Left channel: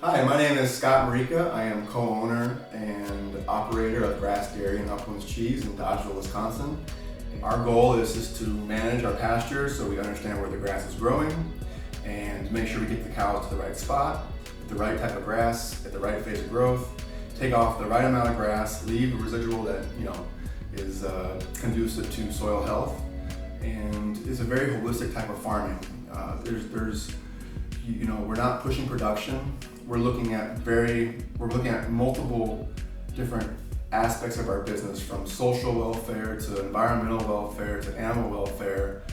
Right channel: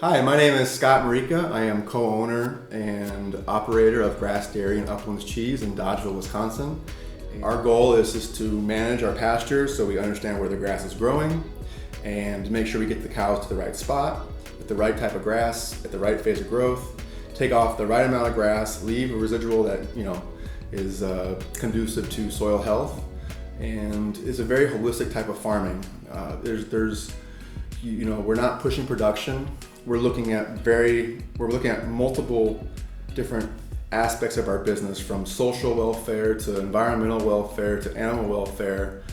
Hi, my name is Scott Marika. I am co-owner and operator of Grass Dairy and Uplands Cheese in Dodgeville, Wisconsin. Our goal is just to manage our pastures so we understand where the grass is growing and make sure we get the cows to the right spot, with the right type of grass, at the right phase of growth, take off the right amount of grass, leave a residual that is conducive to soil health, and it's a very holistic type of farming. We're not pushing production. We're looking at multiple different aspects of our business, from social welfare to environmental welfare to animal welfare,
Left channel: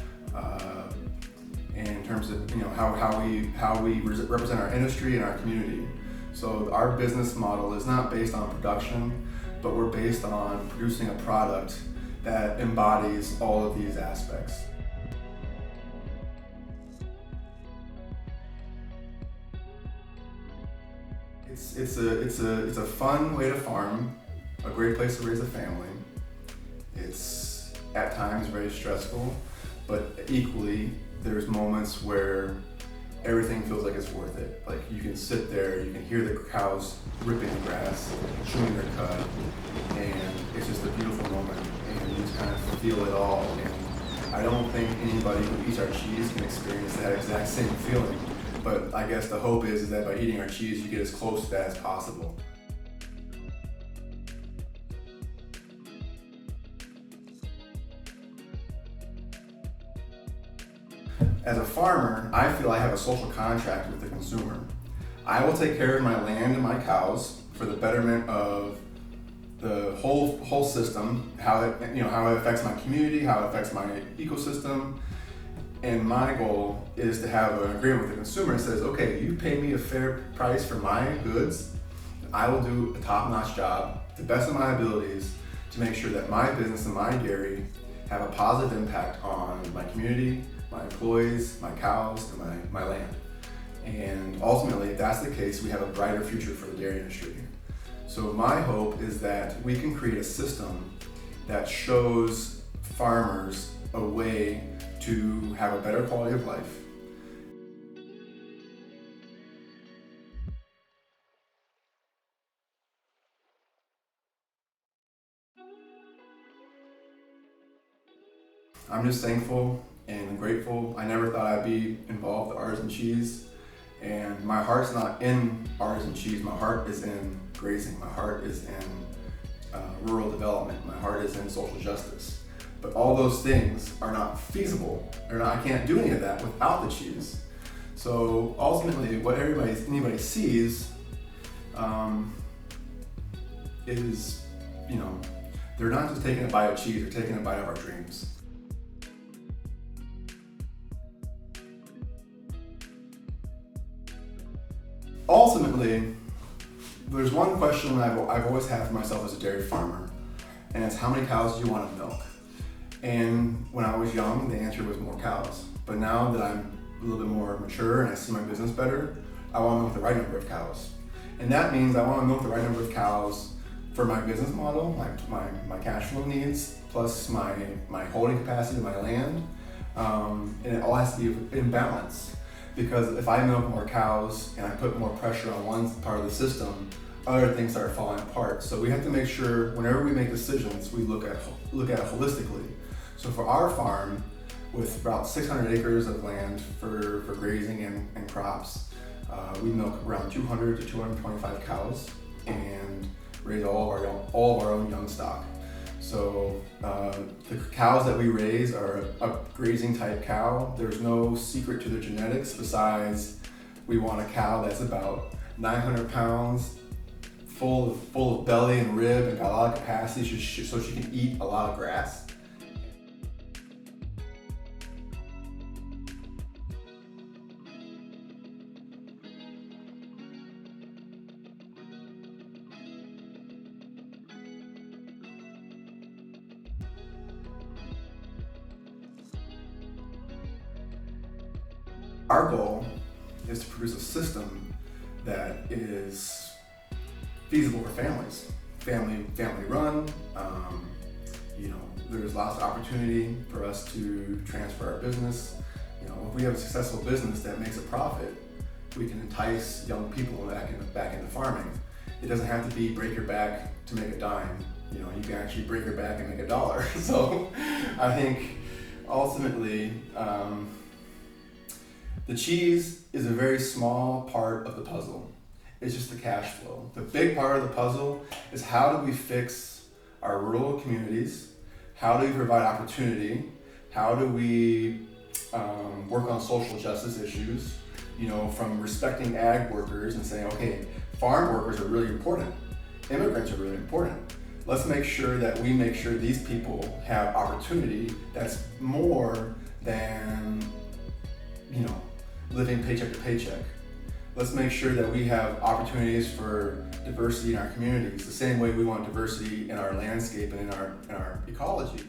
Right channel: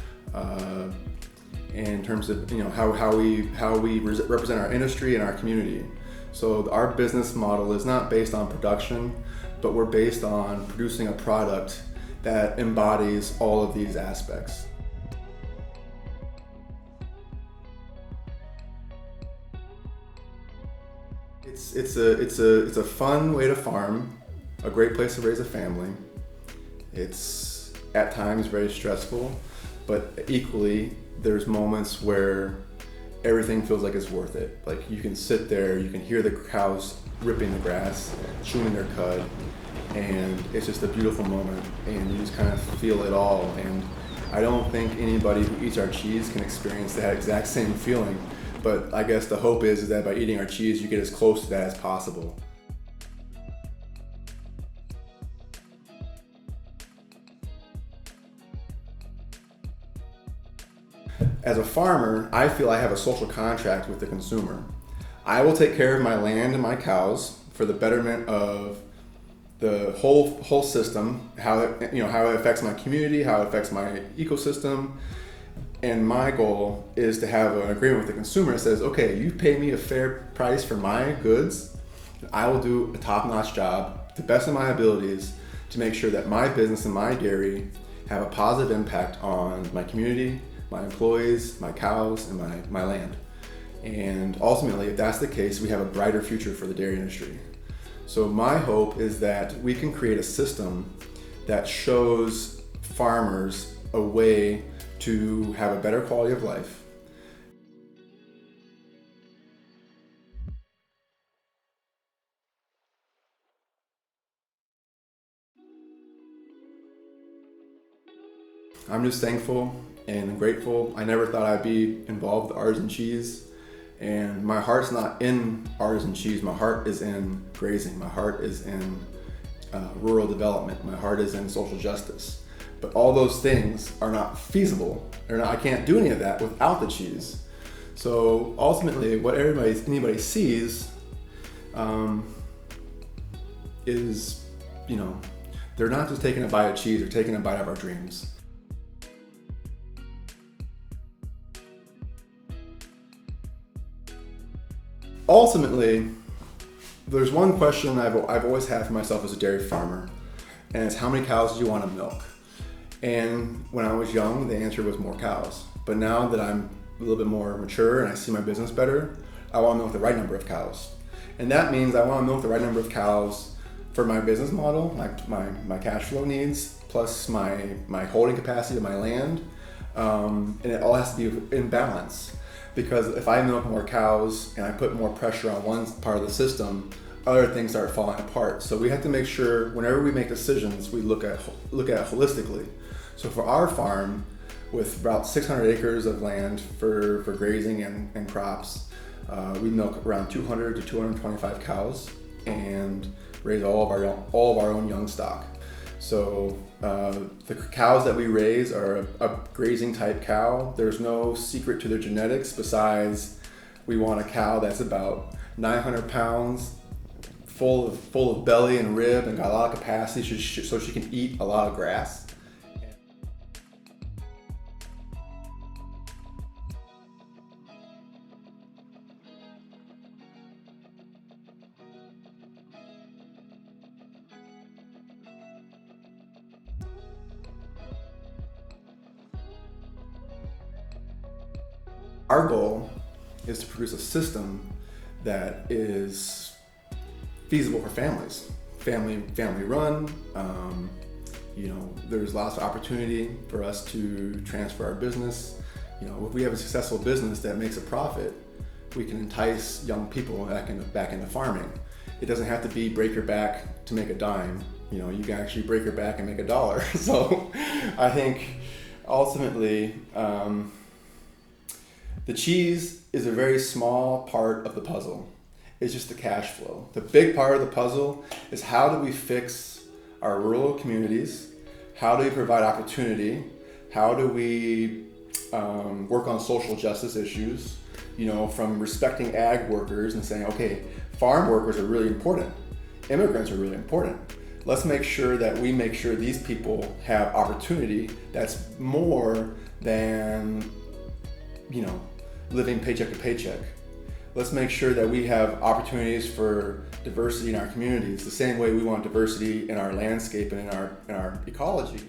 in terms of how we represent our industry and our community. So our business model is not based on production, but we're based on producing a product that embodies all of these aspects. It's a fun way to farm, a great place to raise a family. It's at times very stressful, but equally there's moments where everything feels like it's worth it. Like, you can sit there, you can hear the cows ripping the grass, chewing their cud, and it's just a beautiful moment, and you just kind of feel it all. And I don't think anybody who eats our cheese can experience that exact same feeling. But I guess the hope is that by eating our cheese, you get as close to that as possible. As a farmer, I feel I have a social contract with the consumer. I will take care of my land and my cows for the betterment of the whole system, how it affects my community, how it affects my ecosystem. And my goal is to have an agreement with the consumer that says, okay, you pay me a fair price for my goods, I will do a top-notch job, to the best of my abilities, to make sure that my business and my dairy have a positive impact on my community, my employees, my cows, and my land. And ultimately, if that's the case, we have a brighter future for the dairy industry. So my hope is that we can create a system that shows farmers a way to have a better quality of life. I'm just thankful and grateful. I never thought I'd be involved with artisan cheese, and my heart's not in artisan cheese. My heart is in grazing. My heart is in rural development. My heart is in social justice. But all those things are not feasible. I can't do any of that without the cheese. So ultimately, what anybody sees is, they're not just taking a bite of cheese, they're taking a bite of our dreams. Ultimately, there's one question I've always had for myself as a dairy farmer, and it's, how many cows do you want to milk? And when I was young, the answer was more cows. But now that I'm a little bit more mature and I see my business better, I want to milk the right number of cows. And that means I want to milk the right number of cows for my business model, my cash flow needs, plus my holding capacity of my land. And it all has to be in balance. Because if I milk more cows and I put more pressure on one part of the system, other things start falling apart. So we have to make sure whenever we make decisions, we look at it holistically. So for our farm, with about 600 acres of land for grazing and crops, we milk around 200 to 225 cows and raise all of our own young stock. So the cows that we raise are a grazing type cow. There's no secret to their genetics besides we want a cow that's about 900 pounds, full of belly and rib, and got a lot of capacity so she can eat a lot of grass. Our goal is to produce a system that is feasible for families, family run. There's lots of opportunity for us to transfer our business. If we have a successful business that makes a profit, we can entice young people back into farming. It doesn't have to be break your back to make a dime. You know, you can actually break your back and make $1. So I think ultimately, the cheese is a very small part of the puzzle. It's just the cash flow. The big part of the puzzle is how do we fix our rural communities? How do we provide opportunity? How do we work on social justice issues? You know, from respecting ag workers and saying, okay, farm workers are really important. Immigrants are really important. Let's make sure that we make sure these people have opportunity that's more than, you know, living paycheck to paycheck. Let's make sure that we have opportunities for diversity in our communities, the same way we want diversity in our landscape and in our ecology.